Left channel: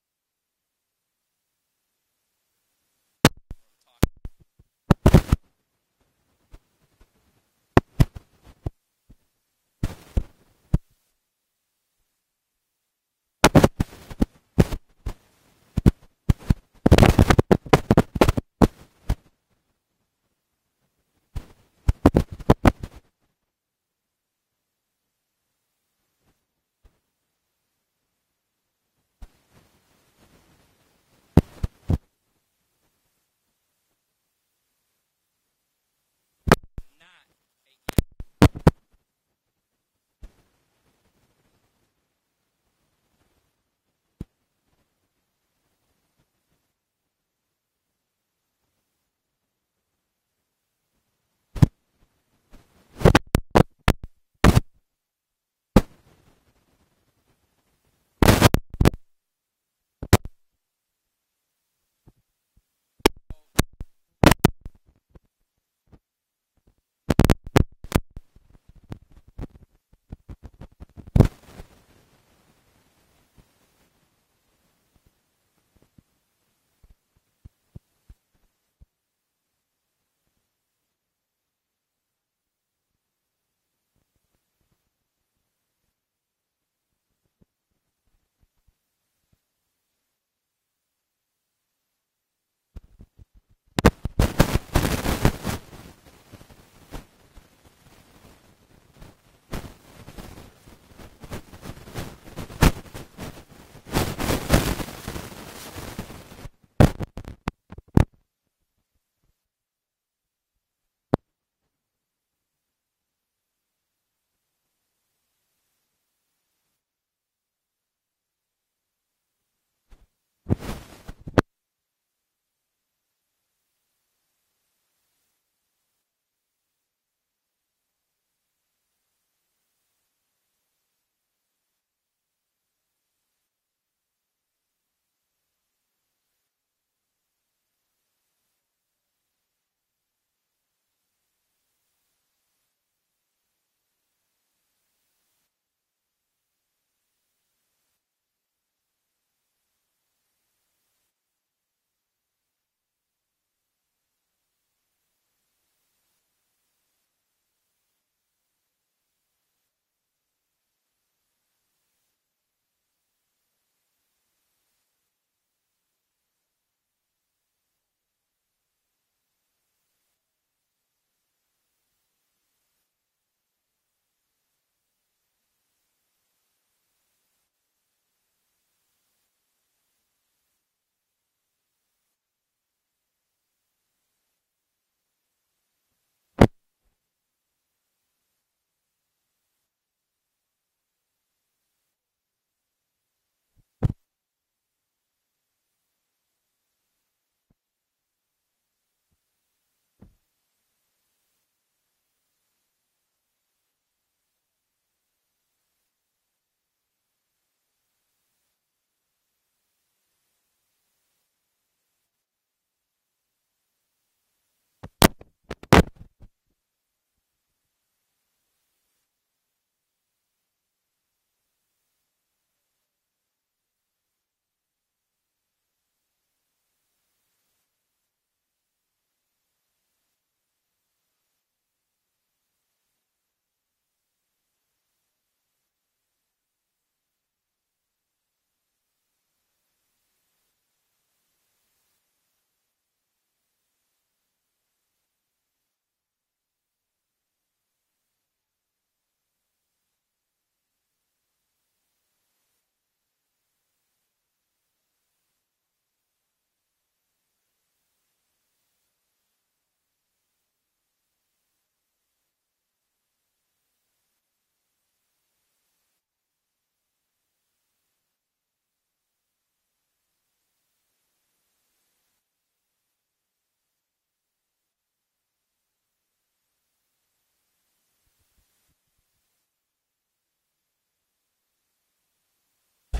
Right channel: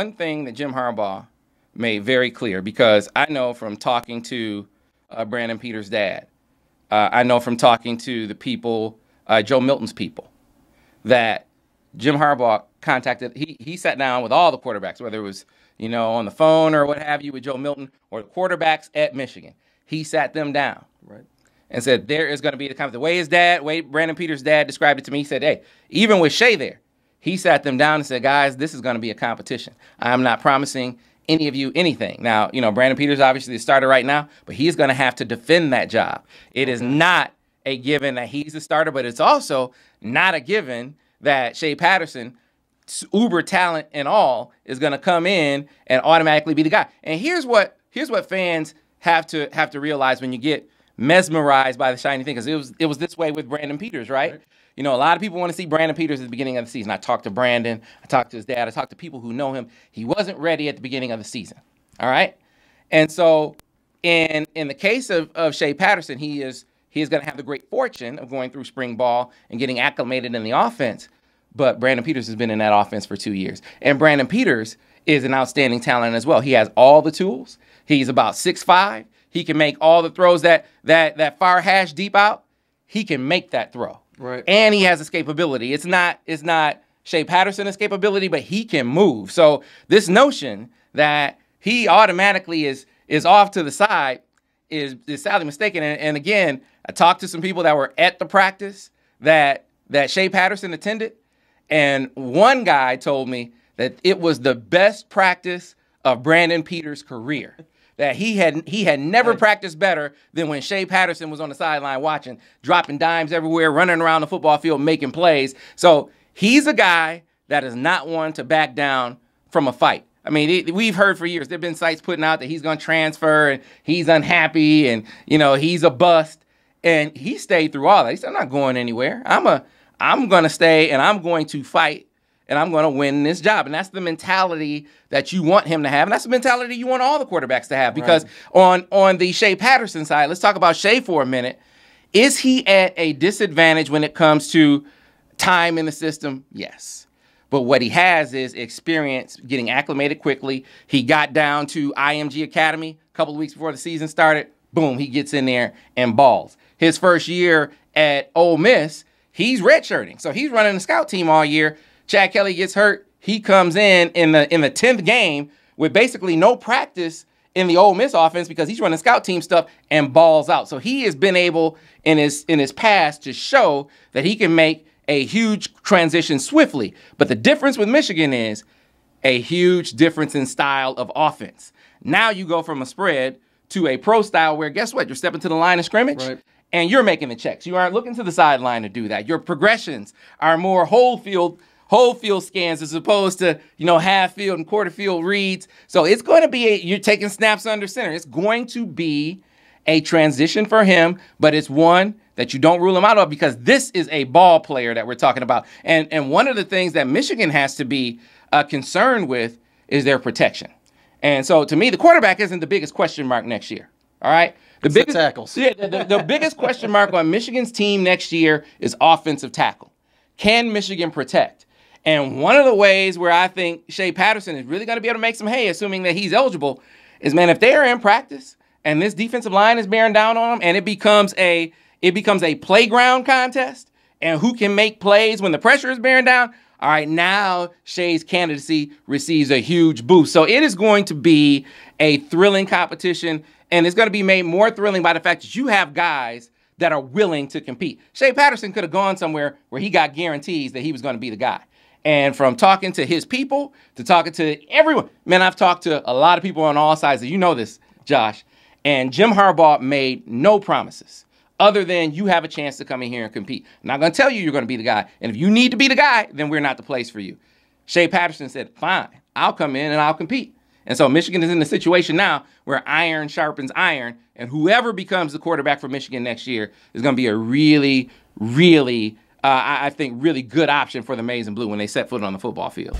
one thing that Jim Harbaugh made very clear, because I know from talking to Brandon Peters' dad, I know from talking to the people, Joe Milton's people, that Jim Harbaugh contacted, he sat down with all the quarterbacks, whether it was, on the phone or what have you with Joe Milton, or the quarterbacks at Michigan. He sat them down. Right. And said there is going to be the way Brandon Peters' dad described it to me, he said, hey, even with Shea there, he sat them down and said, guys, this is going to be a competition. I'm not promising any of you anything. Now, Brandon Peters obviously the starter right now, but he's going to have to defend that job. It is not a given that he's the starter, but it's also not a given that Shea Patterson, uber talent and all, is going to come in and automatically be the guy. And here's what fans have to realize when you get mesmerized by the shiny thing, because it was this way with Brandon Peters, right? A lot of people want to see Brandon Peters at the beginning of the season. I talked to Brandon, I talked to his dad, I talked to people who know him. He wasn't ready at the beginning of the season, all right? And so in the case of Shea Patterson, he is going to have the great fortune of going through spring ball and getting acclimated in the offense. But Brandon Peters has been in that offense for 2 years. And Brandon Peters is an outstanding talent as well. He has all the tools. He's about 6'5". He can make all the throws that far hash deep out. He can make that throw. Right. And he has escapability. It's not Shea Patterson escapability, but he can move. So this notion that he automatically is off to the side is sadly mistaken. And again, I talked to some people that were at the practice that Shea Patterson attended, and one guy told me that it was the best practice of Brandon Peters' career. That he had never practiced better than when Shea Patterson was on the sideline watching, dropping dimes everywhere, running around the football field, making plays. So he's a guy that is not one to back down from a fight. I mean, we've heard for years, there have been sites putting out that he's going to transfer and he's unhappy and, he's a bust. And he stayed through all that. He said, I'm not going anywhere. I'm going to stay and I'm going to fight and I'm going to win this job. And that's the mentality that you want him to have. And that's the mentality you want all the quarterbacks to have. Because on the Shea Patterson side, let's talk about Shea for a minute. Is he at a disadvantage when it comes to time in the system? Yes. But what he has is experience getting acclimated quickly. He got down to IMG Academy a couple of weeks before the season started. Boom, he gets in there and balls. His first year at Ole Miss, he's redshirting. So he's running the scout team all year. Chad Kelly gets hurt. He comes in the 10th game with basically no practice in the Ole Miss offense because he's running scout team stuff and balls out. So he has been able in his past to show that he can make a huge transition swiftly. But the difference with Michigan is a huge difference in style of offense. Now you go from a spread to a pro style where, guess what? You're stepping to the line of scrimmage and you're making the checks. You aren't looking to the sideline to do that. Your progressions are more whole field scans as opposed to, half field and quarter field reads. So it's going to be you're taking snaps under center. It's going to be a transition for him, but it's one that you don't rule him out of because this is a ball player that we're talking about. And one of the things that Michigan has to be concerned with is their protection. And so to me, the quarterback isn't the biggest question mark next year. All right. The biggest tackles. Yeah, the biggest question mark on Michigan's team next year is offensive tackle. Can Michigan protect? And one of the ways where I think Shea Patterson is really going to be able to make some hay, assuming that he's eligible, is, man, if they are in practice and this defensive line is bearing down on them and it becomes a playground contest and who can make plays when the pressure is bearing down, all right, now Shea's candidacy receives a huge boost. So it is going to be a thrilling competition, and it's going to be made more thrilling by the fact that you have guys that are willing to compete. Shea Patterson could have gone somewhere where he got guarantees that he was going to be the guy. And from talking to his people to talking to everyone, man, I've talked to a lot of people on all sides. You know this, Josh. And Jim Harbaugh made no promises other than you have a chance to come in here and compete. I'm not going to tell you you're going to be the guy. And if you need to be the guy, then we're not the place for you. Shea Patterson said, fine, I'll come in and I'll compete. And so Michigan is in the situation now where iron sharpens iron, and whoever becomes the quarterback for Michigan next year is going to be a really, really, I think, really good option for the Maize and Blue when they set foot on the football field.